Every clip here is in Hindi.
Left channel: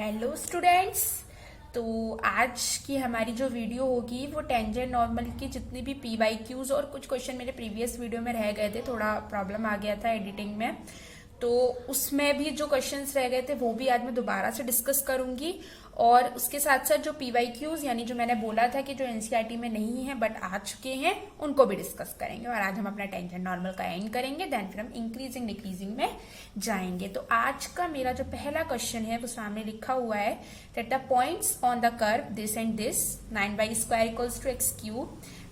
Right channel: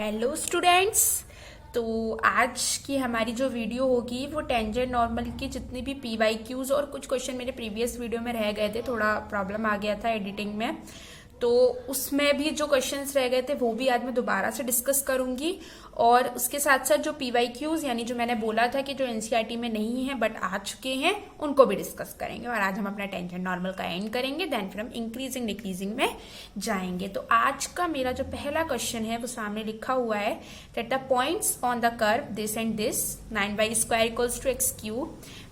Hello students. तो आज की हमारी जो वीडियो होगी वो टेंजेंट नॉर्मल की जितनी भी पीवाईक्यूज और कुछ क्वेश्चन मेरे प्रीवियस वीडियो में रह गए थे, थोड़ा प्रॉब्लम आ गया था एडिटिंग में, तो उसमें भी जो क्वेश्चंस रह गए थे वो भी आज मैं दोबारा से डिस्कस करूंगी। और उसके साथ साथ जो पीवाईक्यूज यानी जो मैंने बोला था कि जो एनसीईआरटी में नहीं है बट आ चुके हैं उनको भी डिस्कस करेंगे। और आज हम अपना टेंजेंट नॉर्मल का एंड करेंगे, देन फिर हम इंक्रीजिंग डिक्रीजिंग में जाएंगे। तो आज का मेरा जो पहला क्वेश्चन है वो सामने लिखा हुआ है that the points on the curve this and this 9y² equals to x³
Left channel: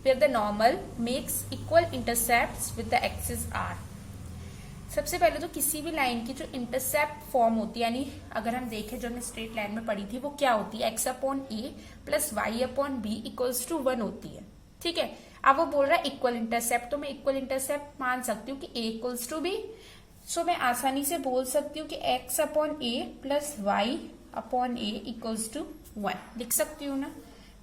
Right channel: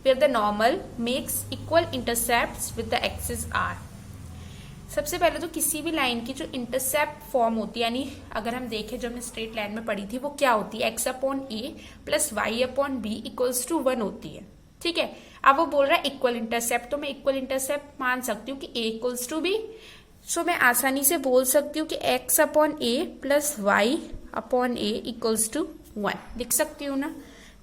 where the normal makes equal intercepts with the axis r। सबसे पहले तो किसी भी लाइन की जो इंटरसेप्ट फॉर्म होती है, यानी अगर हम देखें जो हमने स्ट्रेट लाइन में पढ़ी थी वो क्या होती है, x/a plus y/b equals to 1 होती है। ठीक है, अब वो बोल रहा है इक्वल इंटरसेप्ट, तो मैं इक्वल इंटरसेप्ट मान सकती हूँ कि a इक्वल्स टू b। सो मैं आसानी से बोल सकती हूँ कि x/a plus y/a equals to 1 लिख सकती हूँ ना।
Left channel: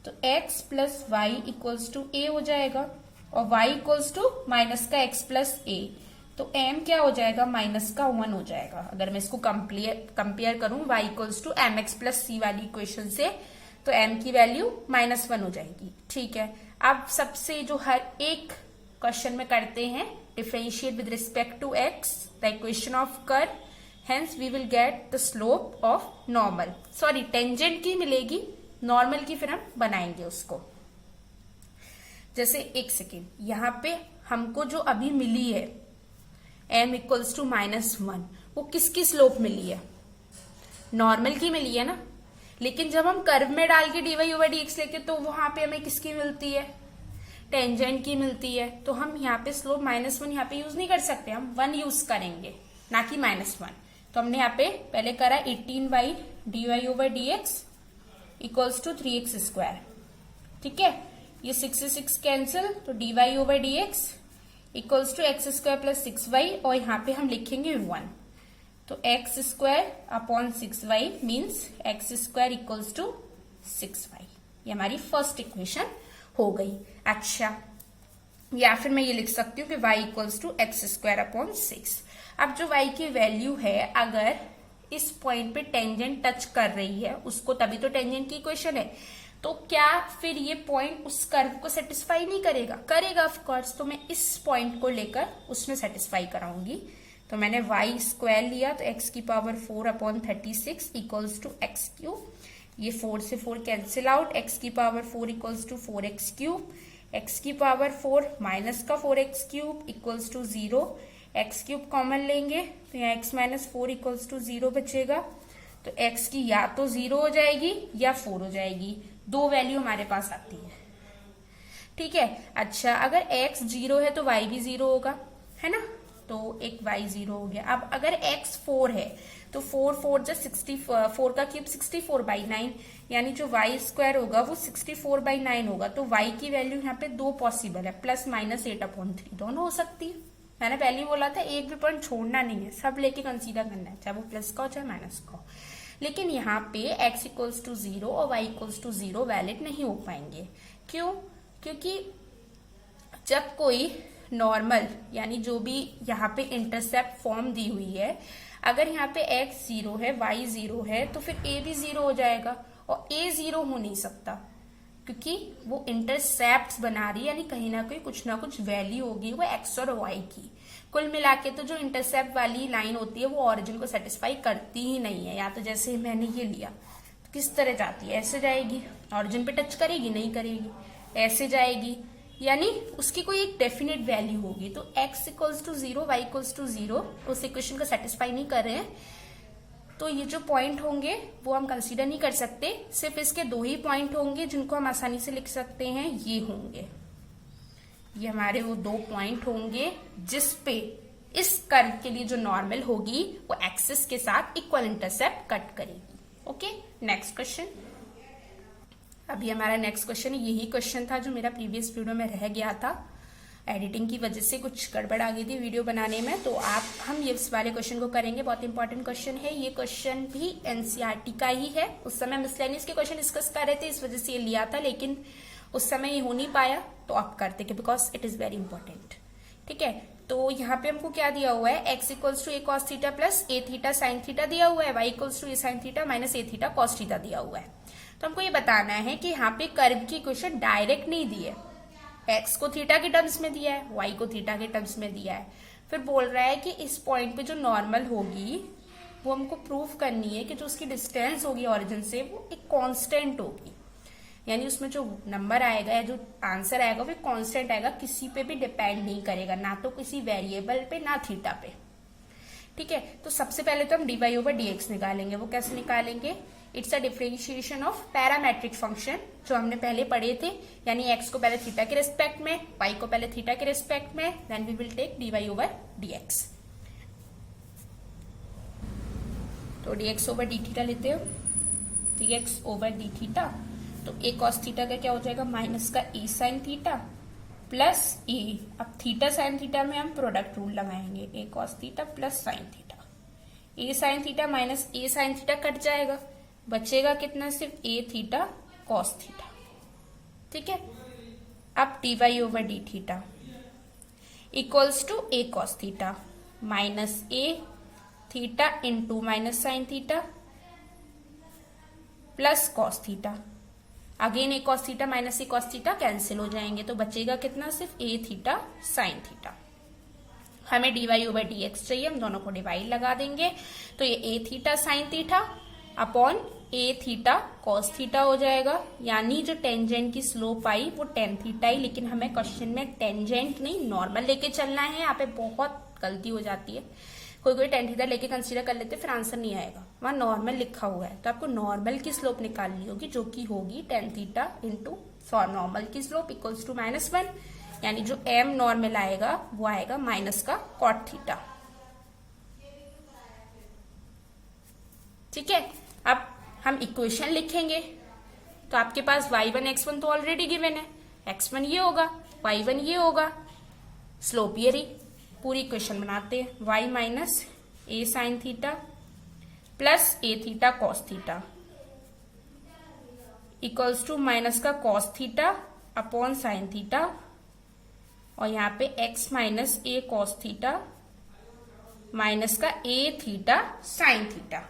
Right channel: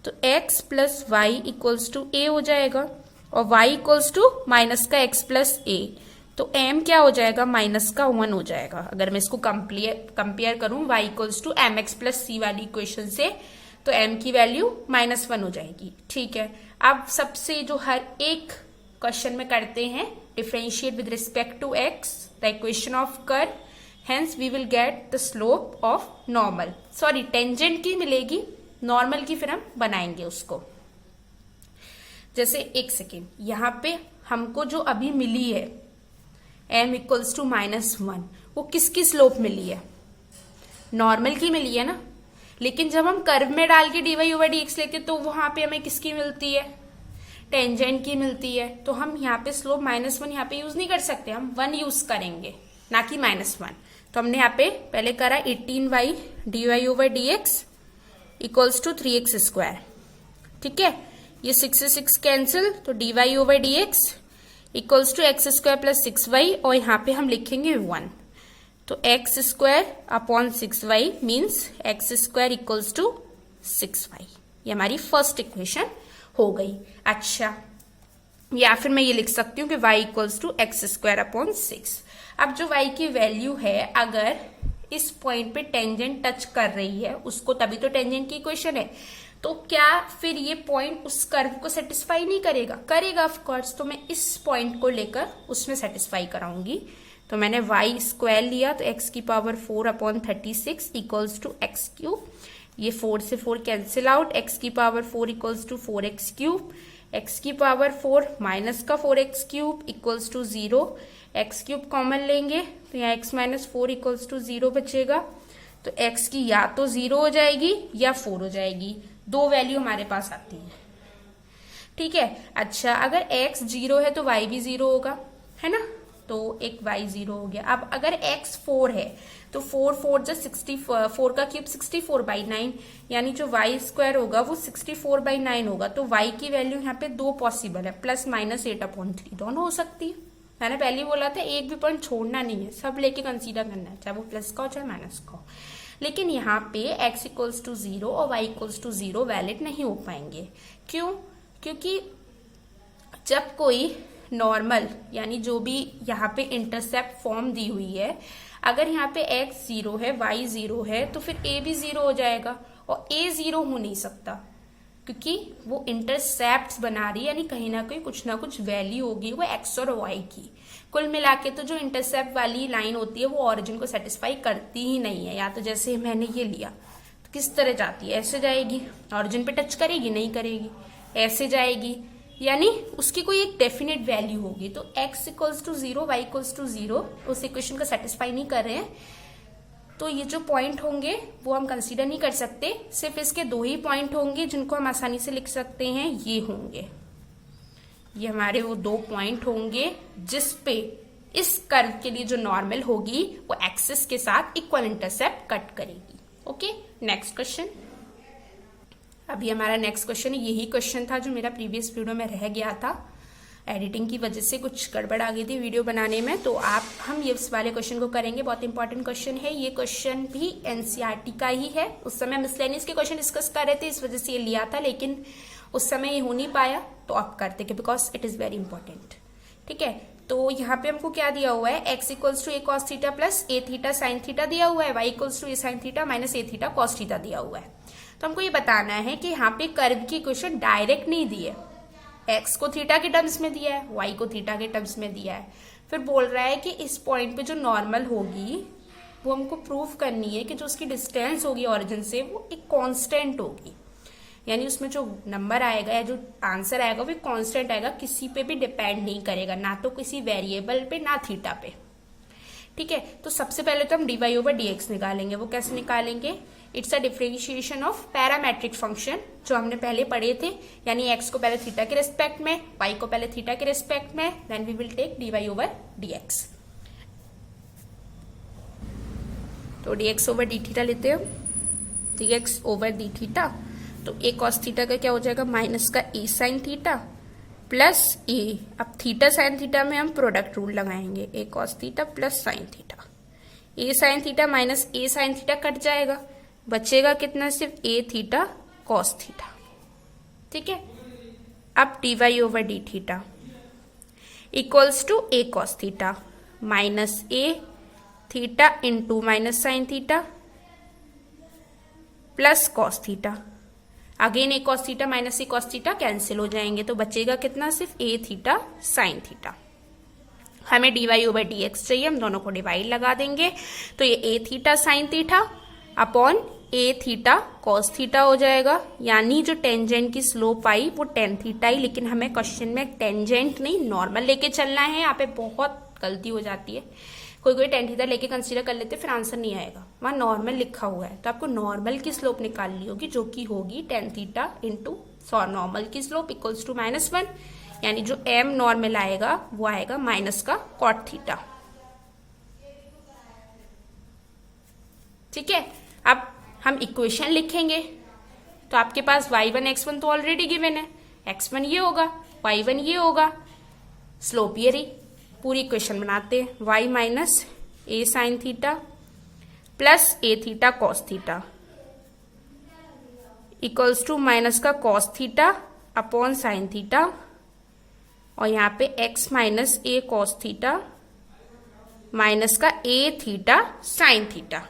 तो x plus y equals to a हो जाएगा और y इक्वल्स टू माइनस का x प्लस a, तो m क्या हो जाएगा, माइनस का 1 हो जाएगा। अगर मैं इसको कंपेयर करूं y equals to m x plus c वाली इक्वेशन से, तो m की वैल्यू -1 हो जाएगी। ठीक है, अब सबसे जो हर एक क्वेश्चन में करते हैं, differentiate with respect to x the equation of curve, hence we will get the slope of normal. Sorry, tangent की मिलेगी, नॉर्मल की फिर हम बनाएंगे उसको। जैसे एक सेकेंड, यहां पे हमको जो अभी मिली है m इक्वल्स टू -1, वो किसकी स्लोप मिली है, नॉर्मल की मिली है ना। लेकिन जब हम कर्व में डाल के dy/dx लेते तो वहां पे हमें किसकी मिलती है, टेंजेंट की मिलती है। तो हम यहाँ पे स्लोप -1 यहाँ पे यूज नहीं कर सकते, हम 1 यूज करेंगे ना कि -1। तो हमने यहाँ पे पहले करा 18y dy/dx equals to 3x²। ठीक है, ये 6 से 6 कैंसिल, तो dy/dx equals to x² plus 6y, और यहाँ पे हम लिखेंगे 1। तो x² upon 6y means x² equals to 6y। ये हमारी फर्स्ट इक्वेशन हो गई। अच्छा, या फिर मैं ये लिख सकती हूँ कि y equals to x² upon 6। अब जो y की वैल्यू है, अगर इस पॉइंट पे टेंजेंट टच कर रही है उसको, तभी तो टेंजेंट की इक्वेशन है, तो क्या फिर ये पॉइंट उस कर्व को सेटिस्फाई नहीं करेगा, करेगा ऑफ कोर्स। तो मैं इस पॉइंट को लेकर उसमें सेटिस्फाई कराऊंगी। तो मैंने y² लिया, तो x की power 4 upon 36 equals to x³। ये 4 से 4 कैंसिल आउट, x की power 4 equals to 4x³, x की पावर 4 माइनस का 4x³ equals to 0, x³ common लेंगे तो यहाँ x माइनस 4 इक्वल्स टू 0 बचेगा। तो x की या तो 0 हो जाएगी या 4 हो जाएगी, दो वैल्यू हमारे पास आती है। ठीक है, अच्छा, अगर x 0 है तो y भी 0 होगा, है ना, तो एक y 0 हो गया। अब अगर x 4 है तो 4 जा 64 का क्यूब 64/9, यानी जो y² होगा वो 64/9 होगा। तो y की वैल्यू यहाँ पे दो पॉसिबल है, प्लस माइनस 8/3 दोनों हो सकती है। मैंने पहले बोला था एक भी पॉइंट छोड़ना नहीं है, सब लेके कंसीडर करना है, चाहे वो प्लस का हो चाहे माइनस का हो। लेकिन यहाँ पे x इक्वल्स टू 0 और y इक्वल्स टू 0 वैलिड नहीं हो पाएंगे। क्यों? क्योंकि जब कोई नॉर्मल यानी जो भी यहाँ पे इंटरसेप्ट फॉर्म दी हुई है, अगर यहाँ पे x 0 है y 0 है तो फिर a भी 0 हो जाएगा, और a 0 हो नहीं सकता क्योंकि वो इंटरसेप्ट बना रही है, यानी कहीं ना कहीं कुछ ना कुछ वैल्यू होगी वो x और y की। कुल मिला के तो जो इंटरसेप्ट वाली लाइन होती है वो ऑरिजिन को सेटिस्फाई करती ही नहीं है। या तो जैसे मैंने ये लिया तो किस तरह जाती है, ऐसे जाएगी, ऑरिजिन पे टच करेगी, नहीं करेगी, ऐसे जाएगी, यानी उसकी कोई एक डेफिनेट वैल्यू होगी। तो x equals to 0 y equals to 0 उस इक्वेशन को सेटिस्फाई नहीं कर रहे हैं, तो ये जो पॉइंट होंगे वो हम कंसीडर नहीं कर सकते। सिर्फ इसके दो ही पॉइंट होंगे जिनको हम आसानी से लिख सकते हैं, ये होंगे, ये हमारे वो दो पॉइंट होंगे जिसपे इस कर्व के लिए जो नॉर्मल होगी वो एक्सिस के साथ इक्वल इंटरसेप्ट कट करेगी। Okay, next question. अभी हमारा नेक्स्ट क्वेश्चन, यही क्वेश्चन था जो मेरा प्रीवियस वीडियो में रह गया था, एडिटिंग की वजह से कुछ गड़बड़ आ गई थी वीडियो बनाने में, तो हम ये इस वाले क्वेश्चन को करेंगे। बहुत इंपॉर्टेंट क्वेश्चन है ये, क्वेश्चन भी एनसीईआरटी का ही है। उस समय मिसलेनियस के क्वेश्चन डिस्कस कर रहे थे, इस वजह से ये लिया था, लेकिन उस समय ये हो नहीं पाया, तो आप करते because it is very important. ठीक है, तो यहाँ पे हमको क्या दिया हुआ है, x equals to a cos theta plus a theta sine theta दिया हुआ है, y equals to a sine theta minus a theta cos theta दिया हुआ है। तो हमको ये बताना है कि यहाँ पे कर्व की इक्वेशन डायरेक्ट नहीं दी है, x को थीटा के टर्म्स में दिया है, y को थीटा के टर्म्स में दिया है। फिर बोल रहा है कि इस पॉइंट पे जो नॉर्मल होगी वो हमको प्रूव करनी है कि जो उसकी डिस्टेंस होगी ओरिजिन से वो एक कांस्टेंट होगी, यानी उसमें जो नंबर आएगा या जो आंसर आएगा वो कांस्टेंट आएगा, किसी पे भी डिपेंड नहीं करेगा, ना तो किसी वेरिएबल पे ना थीटा पे। ठीक है, तो सबसे पहले तो हम dy ओवर dx निकालेंगे। वो कैसे निकालेंगे, it's a differentiation of parametric function जो हमने पहले पढ़े थे, यानी x को पहले थीटा के रिस्पेक्ट में, y को पहले थीटा के रिस्पेक्ट में, then we will take dy over dx। तो dx ओवर डी थीटा लेते हैं, dx ओवर डी थीटा, तो a cos थीटा का क्या हो जाएगा, माइनस का a sine theta plus a, अब थीटा साइन थीटा में हम प्रोडक्ट रूल लगाएंगे, a cos theta plus sine theta, a sine theta minus a sine theta cut जाएगा, बचेगा कितना, सिर्फ a थीटा cos थीटा। ठीक है, अब dy over d theta equals to a cos theta minus a theta into minus sine theta plus cos theta, again a cos theta minus a cos theta cancel हो जाएंगे, तो बचेगा कितना, सिर्फ ए थीटा साइन थीटा। हमें dy ओवर dx चाहिए, हम दोनों को डिवाइड लगा देंगे, तो ये ए थीटा साइन थीटा अपॉन ए थीटा कॉस थीटा हो जाएगा, यानी जो टेंजेंट की स्लोप आई वो टेन थीटा ही, लेकिन हमें क्वेश्चन में टेंजेंट नहीं नॉर्मल लेके चलना है। यहाँ पे बहुत गलती हो जाती है, कोई टेन थीटा लेके कंसीडर कर लेते, फिर आंसर नहीं आएगा, वहां नॉर्मल लिखा हुआ है, तो आपको नॉर्मल की स्लोप निकालनी होगी, जो कि होगी टेन थीटा इंटू नॉर्मल की स्लोप इक्वल्स टू -1, यानी जो m नॉर्मल आएगा वो आएगा माइनस का कॉट थीटा। ठीक है, अब हम इक्वेशन लिखेंगे, तो आपके पास y1 x1 तो ऑलरेडी गिवन है, x1 ये होगा, y1 ये होगा, स्लोप ये रही, पूरी इक्वेशन बनाते हैं, y minus a sine theta plus a theta cos theta equals to minus का cos theta upon sine theta, और यहाँ पे x minus a cos theta minus का ए थीटा साइन थीटा,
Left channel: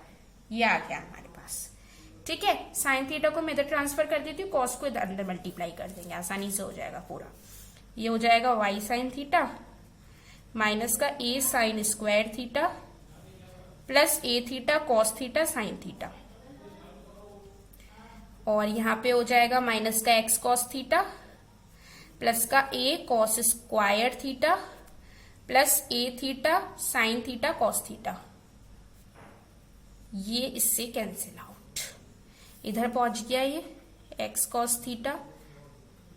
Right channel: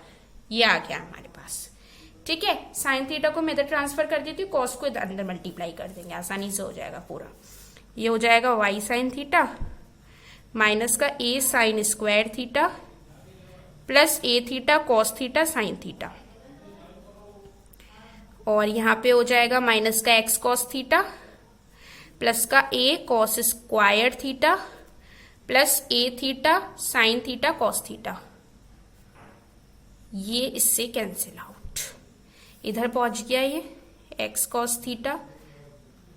ये आ गया हमारे पास। ठीक है, साइन थीटा को मैं इधर ट्रांसफर कर देती हूँ, कॉस को इधर अंदर मल्टीप्लाई कर देंगे, आसानी से हो जाएगा पूरा। ये हो जाएगा y साइन थीटा माइनस का a sine square theta plus a theta cos theta sine theta, और यहाँ पे हो जाएगा माइनस का एक्स कॉस थीटा प्लस का a cos square theta plus a theta sine theta cos theta, ये इससे कैंसिल आउट, इधर पहुंच गया ये x cos theta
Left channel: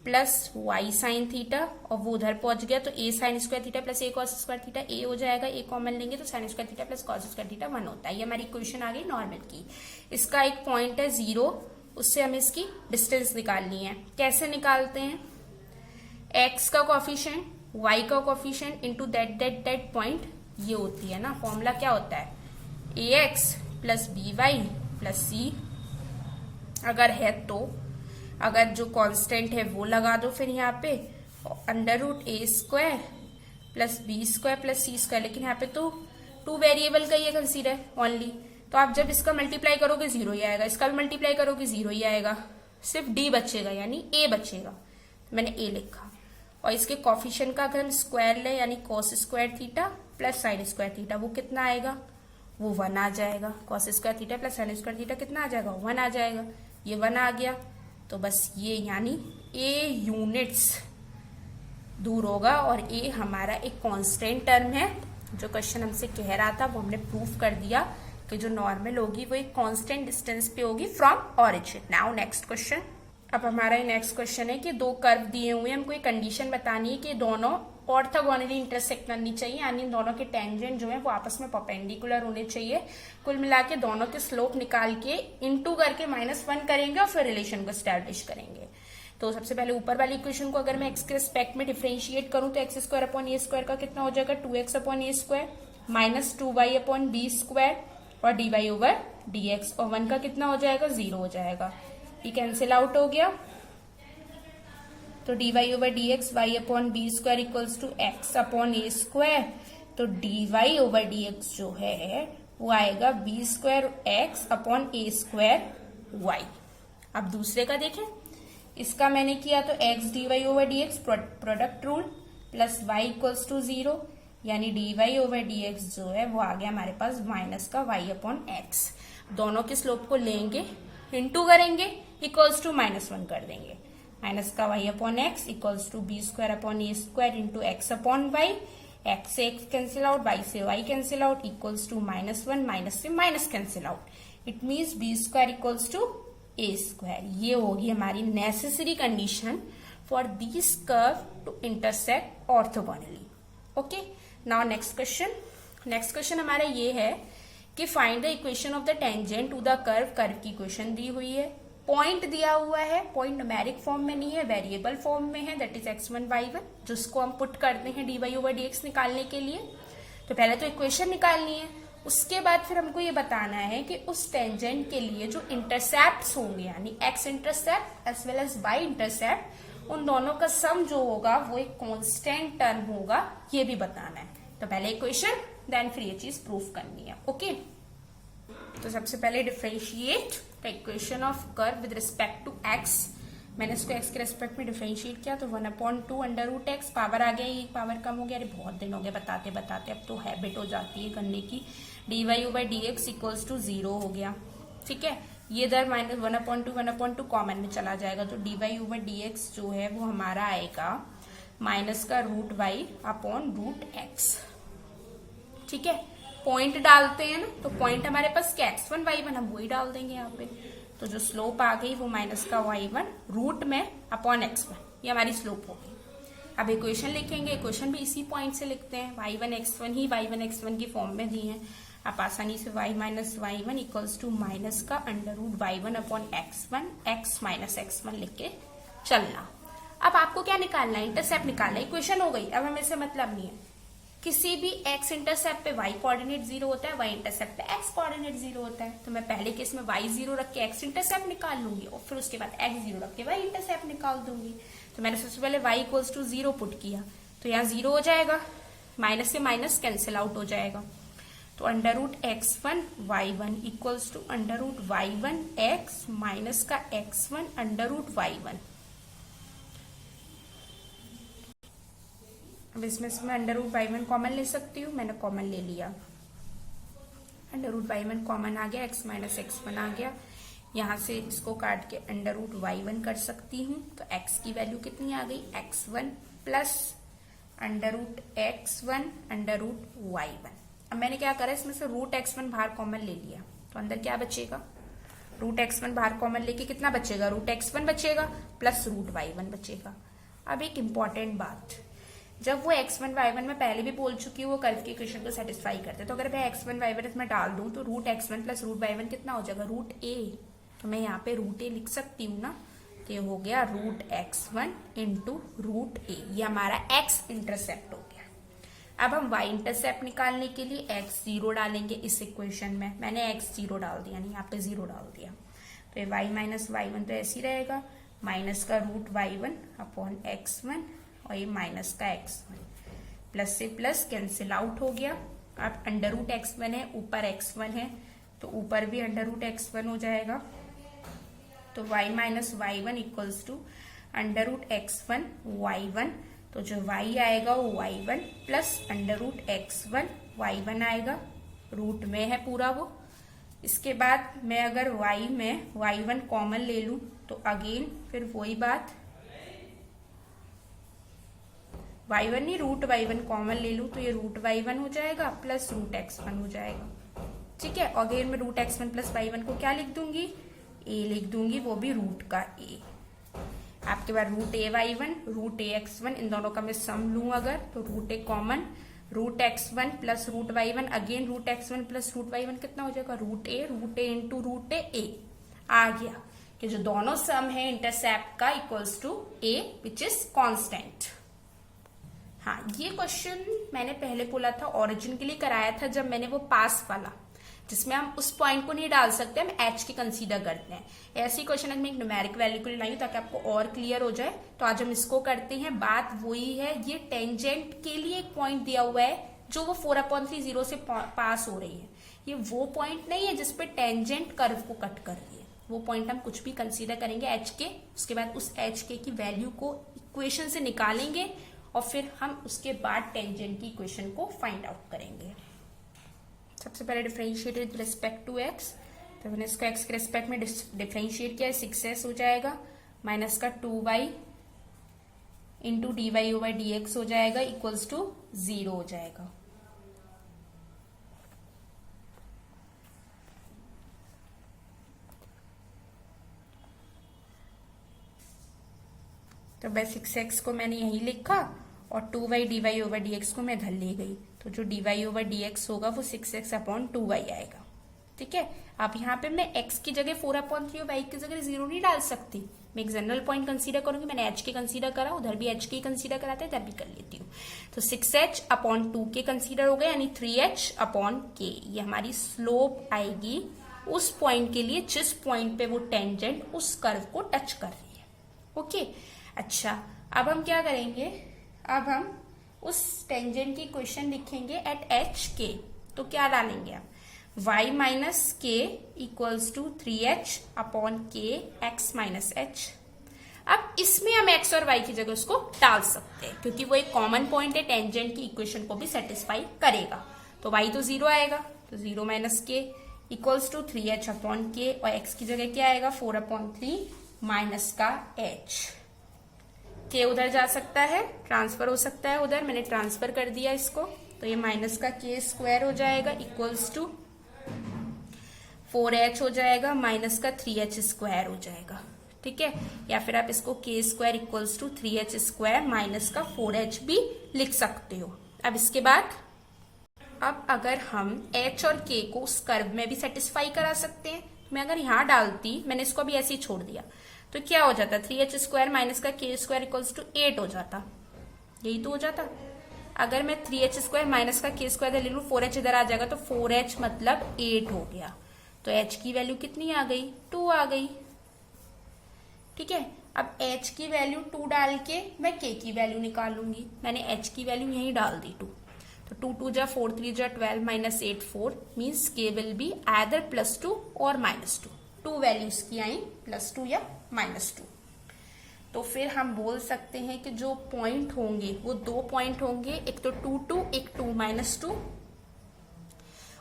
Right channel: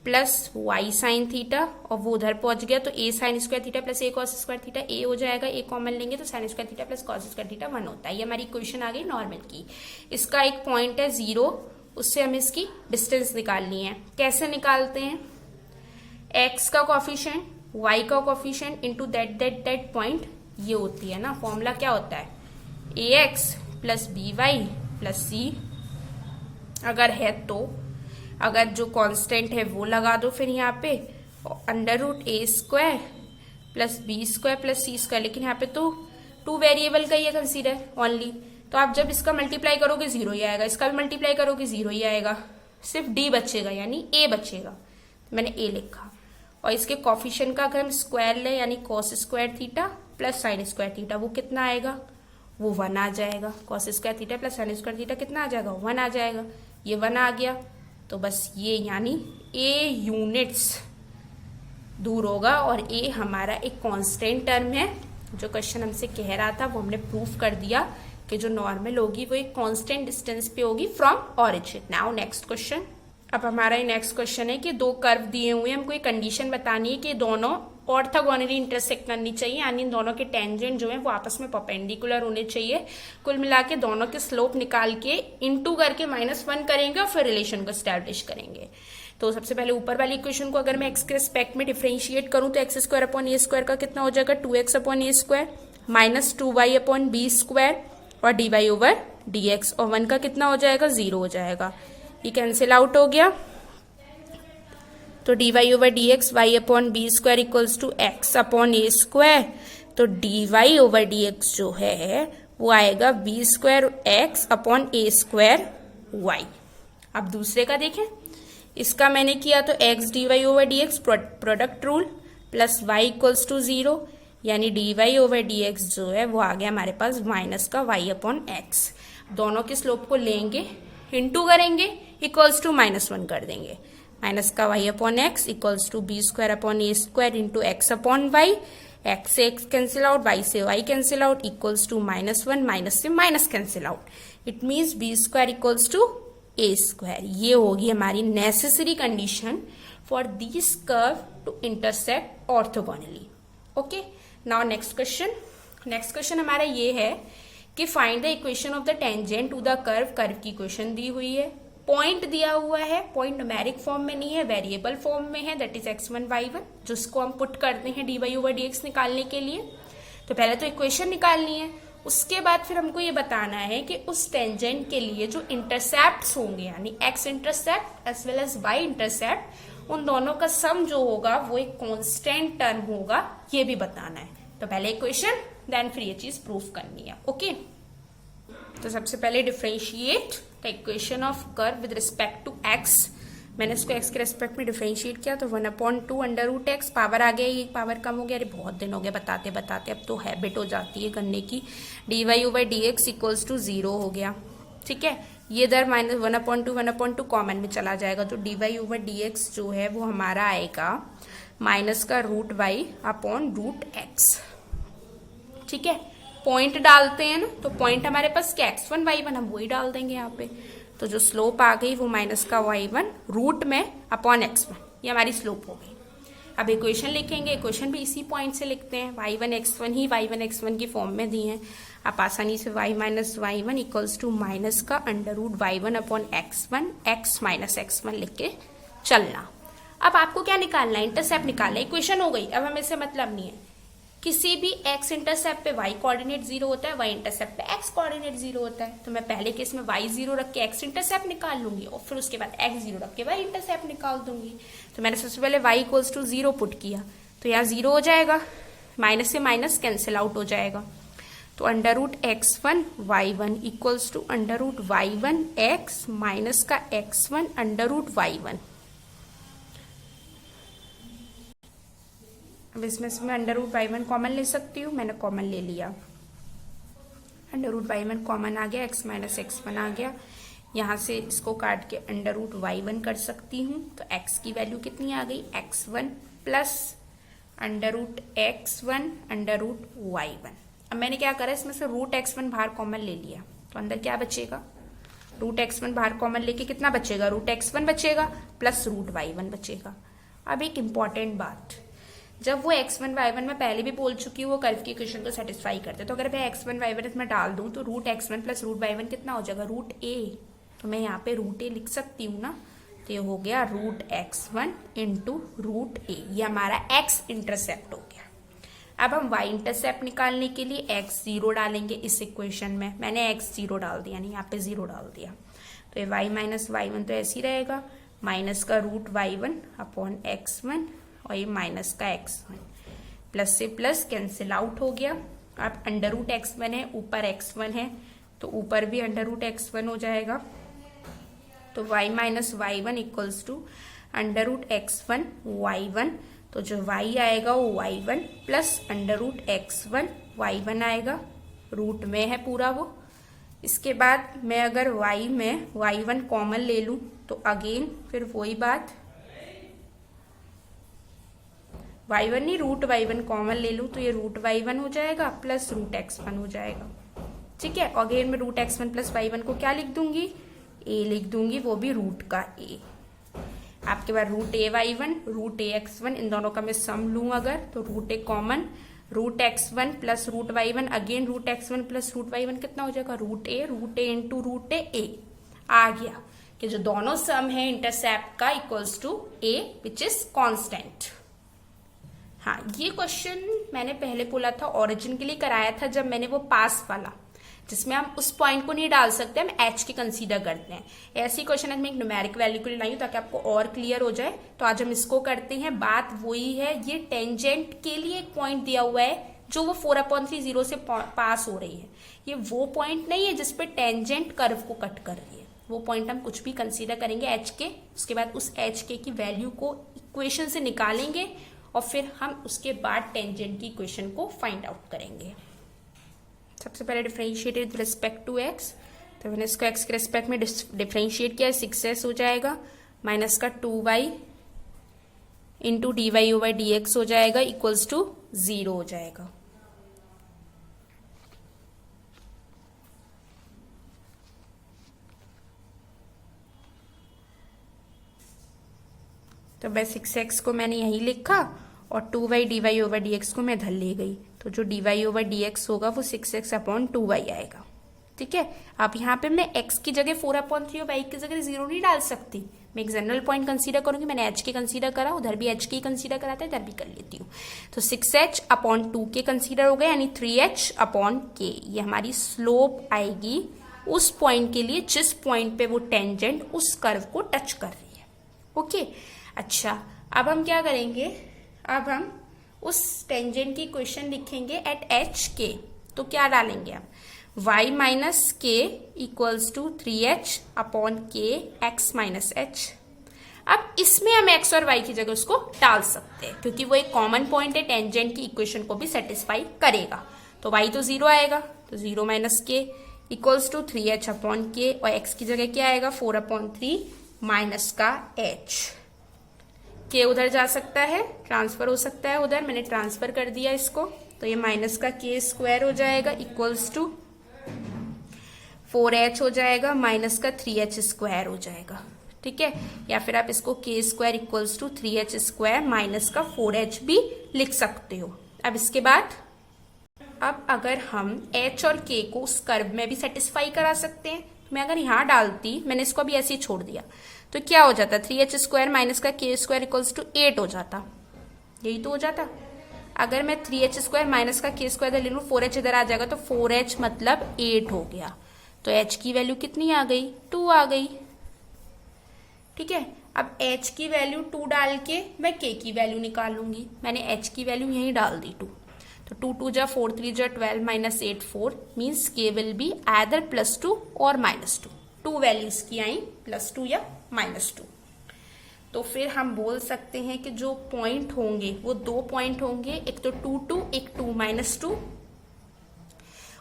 plus y sine theta, और वो उधर पहुंच गया, तो a sine square theta plus a cos square theta, a हो जाएगा, ए कॉमन लेंगे तो sine square theta plus cos square theta 1 होता है। ये हमारी इक्वेशन आ गई नॉर्मल की। इसका एक पॉइंट है 0, उससे हमें इसकी डिस्टेंस निकालनी है। कैसे निकालते हैं, एक्स का कोफिशिएंट, वाई का कोफिशिएंट इंटू दैट पॉइंट, ये होती है ना फॉर्मूला, क्या होता है, a x plus b y plus c, अगर है तो, अगर जो कांस्टेंट है वो लगा दो फिर यहाँ पे, under root a square plus b square plus c square, लेकिन यहाँ पे तो 2 वेरिएबल का ये कंसीडर ओनली, तो आप जब इसका मल्टीप्लाई करोगे 0 ही आएगा, इसका भी मल्टीप्लाई करोगे 0 ही आएगा, सिर्फ डी बचेगा यानी ए बचेगा, मैंने ए लिखा। और इसके कॉफिशिएंट का अगर हम स्क्वायर ले, यानी cos square theta plus sign square theta, वो कितना आएगा, वो 1 आ जाएगा। Cos square theta plus sign square theta कितना आ जाएगा, 1 आ जाएगा, ये 1 आ गया, तो बस ये यानी ए यूनिट्स दूर होगा, और ए हमारा एक कांस्टेंट टर्म है। जो क्वेश्चन हमसे कह रहा था वो हमने प्रूफ कर दिया कि जो नॉर्मल होगी वो एक कांस्टेंट डिस्टेंस पे होगी from origin. Now next question, अब हमारा ये नेक्स्ट क्वेश्चन है कि 2 कर्व दिए हुए हैं, हमको एक कंडीशन बतानी है कि दोनों ऑर्थोगोनली इंटरसेक्ट करनी चाहिए, यानी दोनों के टेंजेंट जो है वो आपस में परपेंडिकुलर होने चाहिए। कुल मिला के दोनों के स्लोप निकाल के इनटू करके -1 करेंगे और फिर रिलेशन को एस्टैब्लिश करेंगे। तो सबसे पहले ऊपर वाली इक्वेशन को अगर मैं एक्स के रिस्पेक्ट में डिफरेंशिएट करूं तो x square upon a square का कितना हो जाएगा, 2x upon a square minus 2y upon b square और dy ओवर dx, और 1 का कितना हो जाएगा, 0 हो जाएगा, ये कैंसिल आउट हो गया। तो dy over d x y upon b square equals to x upon a square, तो dy ओवर डी एक्स जो है वो आएगा b square x upon a square y. अब दूसरे का देखें, इसका मैंने किया तो x dy over d x product rule plus y equals to 0, यानी dy ओवर डी एक्स जो है वो आ गया हमारे पास माइनस का y अपॉन एक्स। दोनों के स्लोप को लेंगे, इंटू करेंगे, इक्वल्स टू -1 कर देंगे, माइनस का y upon x equals to b square upon a square into x upon y, x से एक्स कैंसिल आउट, वाई से y cancel out, equals to -1, minus से minus cancel out, it means b square equals to a square. ये होगी हमारी necessary condition for this curve to intersect orthogonally. Okay, now next question हमारा ये है कि find the equation of the tangent to the curve. Curve की इक्वेशन दी हुई है, पॉइंट दिया हुआ है, पॉइंट न्यूमेरिक फॉर्म में नहीं है, वेरिएबल फॉर्म में है, दैट इज x1 y1, जिसको हम पुट करते हैं dy ओवर dx निकालने के लिए। तो पहले तो इक्वेशन निकालनी है, उसके बाद फिर हमको ये बताना है कि उस टेंजेंट के लिए जो इंटरसेप्ट होंगे, यानी x intercept as well as y intercept, उन दोनों का सम जो होगा वो एक कांस्टेंट टर्म होगा, ये भी बताना है। तो पहले इक्वेशन, देन फिर ये चीज प्रूफ करनी है। ओके, तो सबसे पहले differentiate the equation of curve with respect to x। मैंने इसको x के रेस्पेक्ट में डिफरेंशिएट किया तो 1/2 अंडर रूट एक्स, पावर आ गया, ये पावर कम हो गया, अरे बहुत दिन हो गया बताते बताते, अब तो हैबिट हो जाती है करने की। dy over dx equals to 0 हो गया, ठीक है। ये इधर -1/2 कॉमन में चला जाएगा, तो dy ओवर dx जो है वो हमारा आएगा माइनस का root y upon root x, ठीक है। पॉइंट डालते हैं ना, तो पॉइंट हमारे पास क्या x1 y1, हम वही डाल देंगे यहाँ पे। तो जो स्लोप आ गई वो माइनस का y1 रूट में अपॉन x1, ये हमारी स्लोप हो गई। अब इक्वेशन लिखेंगे, इक्वेशन भी इसी पॉइंट से लिखते हैं, y1 x1 ही y1 x1 की फॉर्म में दी है। आप आसानी से y minus y1 equals to minus का under root y1 upon x1 x minus x1 लिख के चलना। अब आपको क्या निकालना है, इंटरसेप्ट निकालना है। इक्वेशन हो गई, अब हमें से मतलब नहीं है। किसी भी x इंटरसेप्ट पे y कोऑर्डिनेट 0 होता है, y इंटरसेप्ट पे x कोऑर्डिनेट 0 होता है। तो मैं पहले केस में y 0 रख के x इंटरसेप्ट निकाल लूंगी और फिर उसके बाद x 0 रख के y इंटरसेप्ट निकाल दूंगी। तो मैंने सबसे पहले y इक्वल्स टू 0 पुट किया, तो यहाँ 0 हो जाएगा, माइनस से माइनस कैंसिल आउट हो जाएगा। तो under root x1 y1 equals to under root y1 x minus का x1 अंडर रूट y1। अब इसमें से मैं अंडर रूट y1 कॉमन ले सकती हूँ, मैंने कॉमन ले लिया, अंडर रूट y1 कॉमन आ गया, x माइनस x1 आ गया। यहाँ से इसको काट के अंडर रूट y1 कर सकती हूँ, तो x की वैल्यू कितनी आ गई, x1 plus under root x1 under root y1। अब मैंने क्या करा, इसमें से रूट x1 बाहर कॉमन ले लिया, तो अंदर क्या बचेगा, रूट x1 बाहर कॉमन लेके कितना बचेगा, रूट x1 बचेगा प्लस रूट y1 बचेगा। अब एक इंपॉर्टेंट बात, जब वो x1 y1 में पहले भी बोल चुकी हूँ वो कर्व की इक्वेशन को सेटिस्फाई करते, तो अगर मैं x1 y1 इसमें डाल दूं तो root x1 plus root y1 कितना हो जाएगा, रूट a। तो मैं यहाँ पे रूट a लिख सकती हूँ ना, तो ये हो गया root x1 into root a, ये हमारा x इंटरसेप्ट हो गया। अब हम y इंटरसेप्ट निकालने के लिए x 0 डालेंगे इस इक्वेशन में, मैंने x 0 डाल दिया, नहीं यहाँ पे 0 डाल दिया, तो ये y माइनस y1 तो ऐसे ही रहेगा, माइनस का रूट y1 अपॉन x1 और ये माइनस का x1, प्लस से प्लस कैंसिल आउट हो गया। अब अंडर रूट x1 है, ऊपर x1 है, तो ऊपर भी अंडर रूट x1 हो जाएगा। तो y minus y1 equals to under root x1 y1, तो जो y आएगा वो y1 plus under root x1 y1 आएगा, रूट में है पूरा वो। इसके बाद मैं अगर y में y1 कॉमन ले लूं तो अगेन फिर वही बात, y1 नहीं रूट y1 कॉमन ले लूं तो ये रूट y1 हो जाएगा प्लस रूट x1 हो जाएगा, ठीक है। अगेन मैं रूट x1 प्लस y1 को क्या लिख दूंगी, a लिख दूंगी, वो भी रूट का a। आपके पास root a y1 root a x1, इन दोनों का मैं सम लूं अगर तो root a common, root x1 plus root y1, again root x1 plus root y1 कितना हो जाएगा, root a into root a आ गया कि जो दोनों सम है इंटरसेप्ट का equals to a which is constant. हाँ, ये क्वेश्चन मैंने पहले बोला था ओरिजिन के लिए कराया था जब मैंने वो पास वाला जिसमें हम उस पॉइंट को नहीं डाल सकते, हम एच की कंसीडर करते हैं। ऐसी क्वेश्चन आज मैं एक न्यूमेरिक वैल्यू को लाई ताकि आपको और क्लियर हो जाए। तो आज हम इसको करते हैं। बात वही है, ये टेंजेंट के लिए एक पॉइंट दिया हुआ है जो वो 4/3 जीरो से पास हो रही है। ये वो पॉइंट नहीं है जिसपे टेंजेंट कर्व को कट कर रही है। वो पॉइंट हम कुछ भी कंसीडर करेंगे एच के, उसके बाद उस एच के की वैल्यू को इक्वेशन से निकालेंगे और फिर हम उसके बाद टेंजेंट की इक्वेशन को फाइंड आउट करेंगे। सबसे पहले differentiate with respect to x, तो मैंने इसको एक्स के रिस्पेक्ट में डिफरेंशिएट किया है, 6s हो जाएगा माइनस का 2y इंटू dy/dx हो जाएगा इक्वल्स टू 0 हो जाएगा। तो बस 6x को मैंने यही लिखा और 2y dy/dx को मैं इधर ले गई, तो जो dy/dx होगा वो 6x/2y आएगा। ठीक है, अब यहाँ पे मैं x की जगह 4/3 और y की जगह 0 नहीं डाल सकती। मैं एक जनरल पॉइंट कंसीडर करूंगी। मैंने h के कंसीडर करा, उधर भी h के कंसीडर कराता है, इधर भी कर लेती हूँ। तो 6h/2 के कंसीडर हो गए, यानी 3h/k। ये हमारी स्लोप आएगी उस पॉइंट के लिए जिस पॉइंट पे वो टेंजेंट उस कर्व को टच कर रही है। ओके, अच्छा अब हम क्या करेंगे, अब हम उस टेंजेंट की इक्वेशन लिखेंगे एट एच के। तो क्या डालेंगे हम, y minus k equals to 3h/k x minus h। अब इसमें हम x और y की जगह उसको डाल सकते हैं क्योंकि वो एक कॉमन पॉइंट है, टेंजेंट की इक्वेशन को भी सेटिस्फाई करेगा। तो y तो 0 आएगा, तो 0 minus k equals to 3h/k और x की जगह क्या आएगा 4/3 माइनस का h। के उधर जा सकता है, ट्रांसफर हो सकता है उधर, मैंने ट्रांसफर कर दिया इसको। तो ये माइनस का k स्क्वायर हो जाएगा इक्वल्स टू 4h हो जाएगा माइनस का 3h स्क्वायर हो जाएगा। ठीक है, या फिर आप इसको k square equals to 3h square minus का 4h भी लिख सकते हो। अब इसके बाद अब अगर हम h और k को उस कर्व में भी सेटिस्फाई करा सकते हैं, मैं अगर यहाँ डालती, मैंने इसको भी ऐसे ही छोड़ दिया, तो क्या हो जाता 3h स्क्वायर माइनस का k स्क्वायर इक्वल्स टू 8 हो जाता। यही तो हो जाता। अगर मैं 3h स्क्वायर माइनस का k स्क्वायर ले लूं, 4h इधर आ जाएगा, तो 4h मतलब 8 हो गया। तो h की वैल्यू कितनी आ गई, 2 आ गई। ठीक है, अब h की वैल्यू 2 डाल के मैं k की वैल्यू निकालूंगी। मैंने h की वैल्यू यही डाल दी 2, तो 2 2 जा 4 3 जा 12 minus 8 4 means k will be either +2 और -2। 2 वैल्यूज की आई +2 या -2। तो फिर हम बोल सकते हैं कि जो पॉइंट होंगे वो 2 पॉइंट होंगे, एक तो 2 2 एक 2 -2,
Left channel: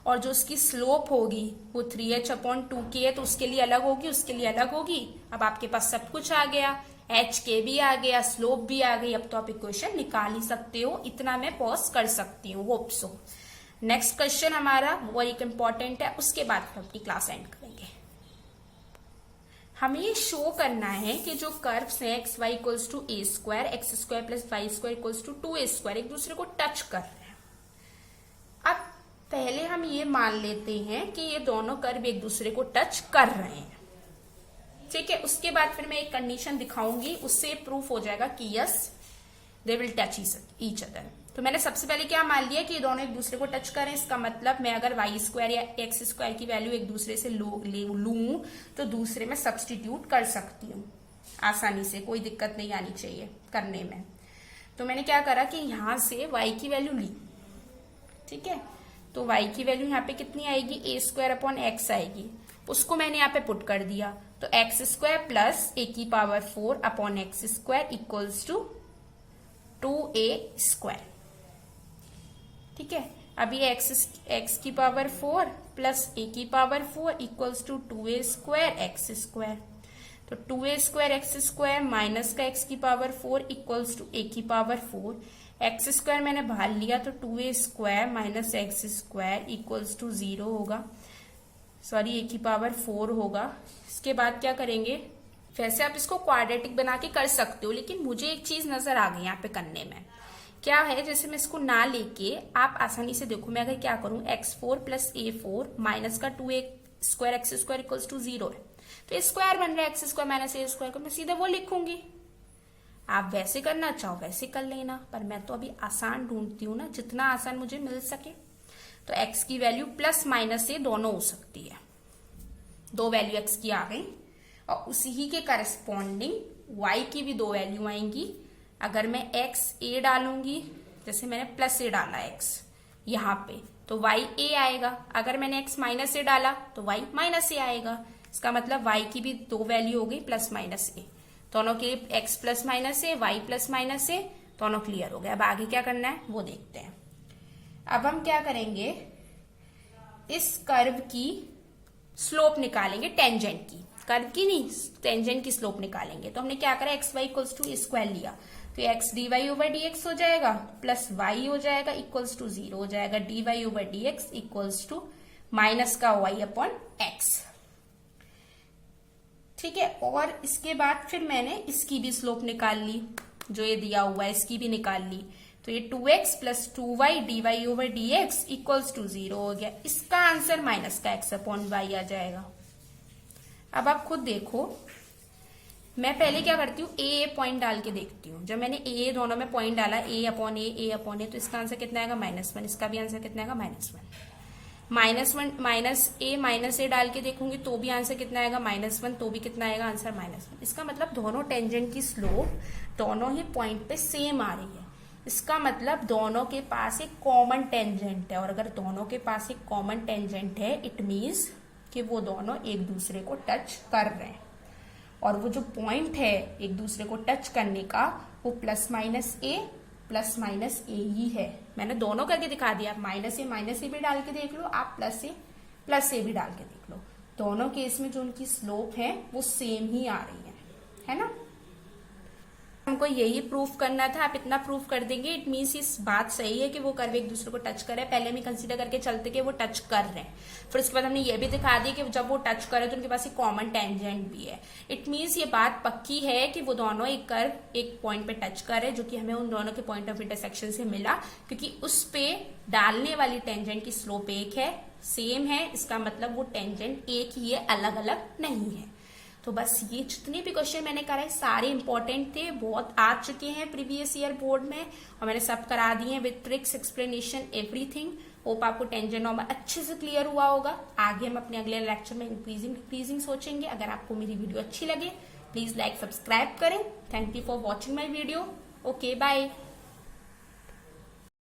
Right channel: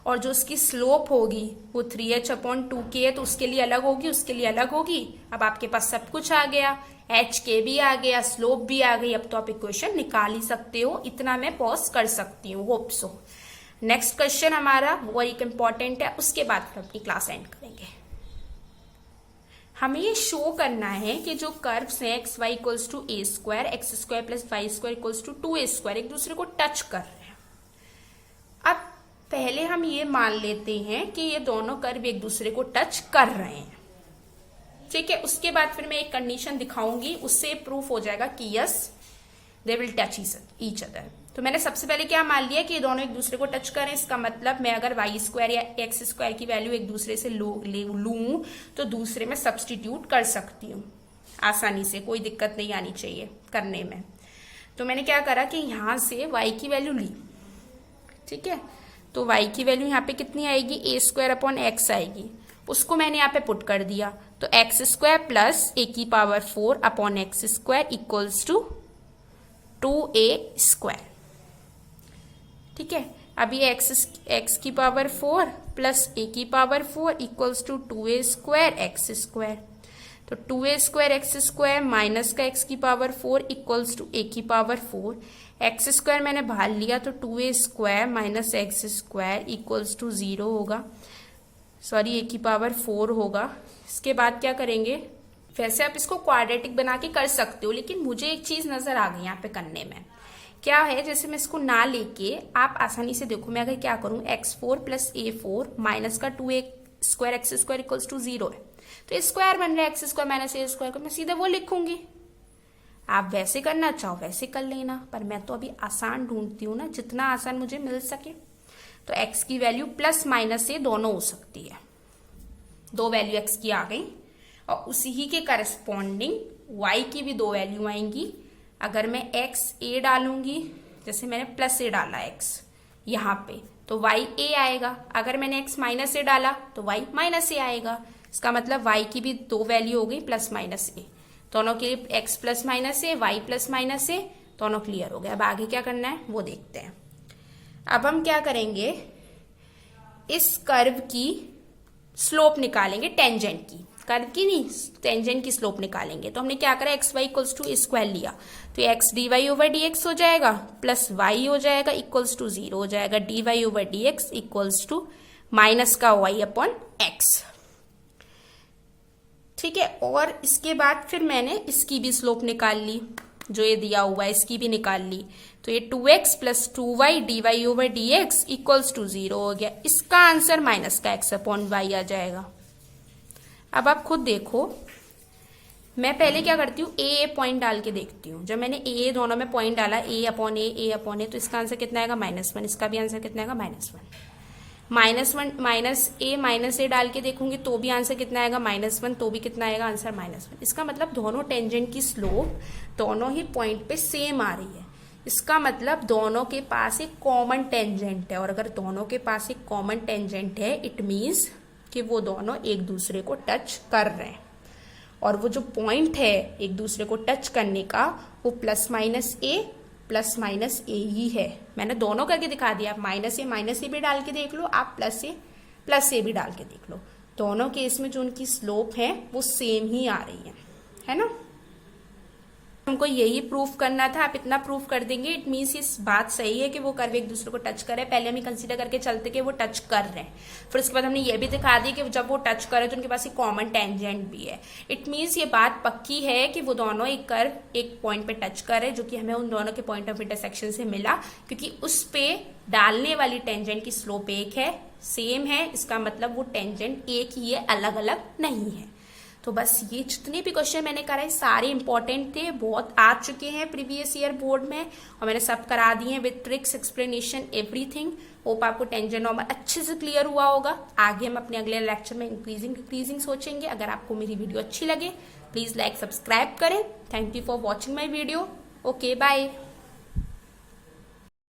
और जो उसकी स्लोप होगी वो 3h/2k है, तो उसके लिए अलग होगी, उसके लिए अलग होगी। अब आपके पास सब कुछ आ गया, h k भी आ गया, स्लोप भी आ गई। अब तो आप इक्वेशन निकाल ही सकते हो। इतना मैं पॉज कर सकती हूँ, होप सो। नेक्स्ट क्वेश्चन हमारा वो एक इम्पॉर्टेंट है, उसके बाद फिर अपनी क्लास एंड करेंगे। हमें ये शो करना है कि जो कर्व्स हैं x y equals to a square, x square plus y square equals to 2a square, एक दूसरे को टच कर रहे हैं। अब पहले हम ये मान लेते हैं कि ये दोनों कर्व एक दूसरे को टच कर रहे हैं। ठीक है, उसके बाद फिर मैं एक कंडीशन दिखाऊंगी, उससे प्रूफ हो जाएगा कि yes they will touch each other. तो मैंने सबसे पहले क्या मान लिया कि ये दोनों एक दूसरे को टच करें। इसका मतलब मैं अगर वाई स्क्वायर या एक्स स्क्वायर की वैल्यू एक दूसरे से लूं तो दूसरे में सब्सटीट्यूट कर सकती हूँ आसानी से, कोई दिक्कत नहीं आनी चाहिए करने में। तो मैंने क्या करा कि यहां से वाई की वैल्यू ली। ठीक है, तो वाई की वैल्यू यहाँ पे कितनी आएगी, a² आएगी, उसको मैंने यहाँ पे पुट कर दिया। तो x² plus a⁴/x² equals to 2a²। ठीक है, अभी x⁴ plus a⁴ equals to 2a²x²। तो 2a²x² माइनस का x⁴ equals to a⁴। x² मैंने बाहर लिया तो 2a² minus x² equals to 0 होगा, सॉरी a⁴ होगा। इसके बाद क्या करेंगे, वैसे आप इसको क्वाड्रेटिक बना के कर सकते हो, लेकिन मुझे एक चीज नजर आ गई यहाँ पे करने में। क्या है, जैसे मैं इसको ना लेके आप आसानी से देखो, मैं अगर क्या करूं x4 प्लस a4 माइनस का 2a²x² इक्वल्स टू 0 है, तो ये स्क्वायर बन रहा है x² माइनस a² को, मैं सीधे वो लिखूंगी। आप वैसे करना चाहो वैसे कर लेना, पर मैं तो अभी आसान ढूंढती हूँ ना, जितना आसान मुझे मिल सके। तो x की वैल्यू प्लस माइनस ए दोनों हो सकती है, दो वैल्यू x की आ गई, और उसी ही के करस्पॉन्डिंग y की भी दो वैल्यू आएंगी। अगर मैं x a डालूंगी, जैसे मैंने प्लस ए डाला x यहाँ पे, तो y a आएगा। अगर मैंने x माइनस ए डाला तो y माइनस ए आएगा। इसका मतलब y की भी दो वैल्यू हो गई प्लस माइनस ए, दोनों के x प्लस माइनस ए, y प्लस माइनस ए, दोनों क्लियर हो गया। अब आगे क्या करना है वो देखते हैं। अब हम क्या करेंगे, इस कर्व की स्लोप निकालेंगे, टेंजेंट की, कर्व की नहीं, टेंजेंट की स्लोप निकालेंगे। तो हमने क्या करा, x y equals to square लिया, तो x d y over d x हो जाएगा, प्लस वाई हो जाएगा इक्वल्स टू 0 हो जाएगा, d y over d x equals to minus का वाई अपॉन एक्स। ठीक है, और इसके बाद फिर मैंने इसकी भी स्लोप निकाल ली, जो ये दिया हुआ है इसकी भी निकाल ली, तो ये 2x plus 2y d y over d x equals to 0 हो गया। इसका आंसर माइनस का x अपॉन वाई आ जाएगा। अब आप खुद देखो, मैं पहले क्या करती हूँ, ए पॉइंट डाल के देखती हूँ। जब मैंने ए दोनों में पॉइंट डाला, ए अपॉन ए, तो इसका आंसर कितना आएगा, -1। इसका भी आंसर कितना आएगा, -1। माइनस ए डाल के देखूंगी तो भी आंसर कितना आएगा, -1, तो भी कितना आएगा आंसर, -1। इसका मतलब दोनों टेंजेंट की स्लोप दोनों ही पॉइंट पे सेम आ रही है। इसका मतलब दोनों के पास एक कॉमन टेंजेंट है, और अगर दोनों के पास एक कॉमन टेंजेंट है, इट मीन्स कि वो दोनों एक दूसरे को टच कर रहे हैं। और वो जो पॉइंट है एक दूसरे को टच करने का, वो प्लस माइनस ए ही है। मैंने दोनों करके दिखा दिया, आप माइनस ए भी डाल के देख लो, आप प्लस ए भी डाल के देख लो। दोनों केस में जो उनकी स्लोप है वो सेम ही आ रही है ना। हमको यही प्रूफ करना था, आप इतना प्रूफ कर देंगे, इट मीन्स इस बात सही है कि वो कर्व एक दूसरे को टच कर रहे हैं। पहले हम कंसीडर करके चलते कि वो टच कर रहे हैं, फिर उसके बाद हमने ये भी दिखा दिया कि जब वो टच कर रहे हैं तो उनके पास एक कॉमन टेंजेंट भी है। इट मीन्स ये बात पक्की है कि वो दोनों एक कर्व एक पॉइंट पे टच कर रहे हैं, जो कि हमें उन दोनों के पॉइंट ऑफ इंटरसेक्शन से मिला, क्योंकि उस पे डालने वाली टेंजेंट की स्लोप एक है, सेम है। इसका मतलब वो टेंजेंट एक ही है, अलग अलग नहीं है। तो बस ये जितने भी क्वेश्चन मैंने कराए सारे इंपॉर्टेंट थे, बहुत आ चुके हैं प्रीवियस ईयर बोर्ड में, और मैंने सब करा दिए हैं with tricks, explanation, everything. Hope आपको टेंजेंट नॉर्मल अच्छे से क्लियर हुआ होगा। आगे हम अपने अगले लेक्चर में इंक्रीजिंग सोचेंगे। अगर आपको मेरी वीडियो अच्छी लगे, प्लीज लाइक सब्सक्राइब करें। Thank you for watching my video. Okay, bye.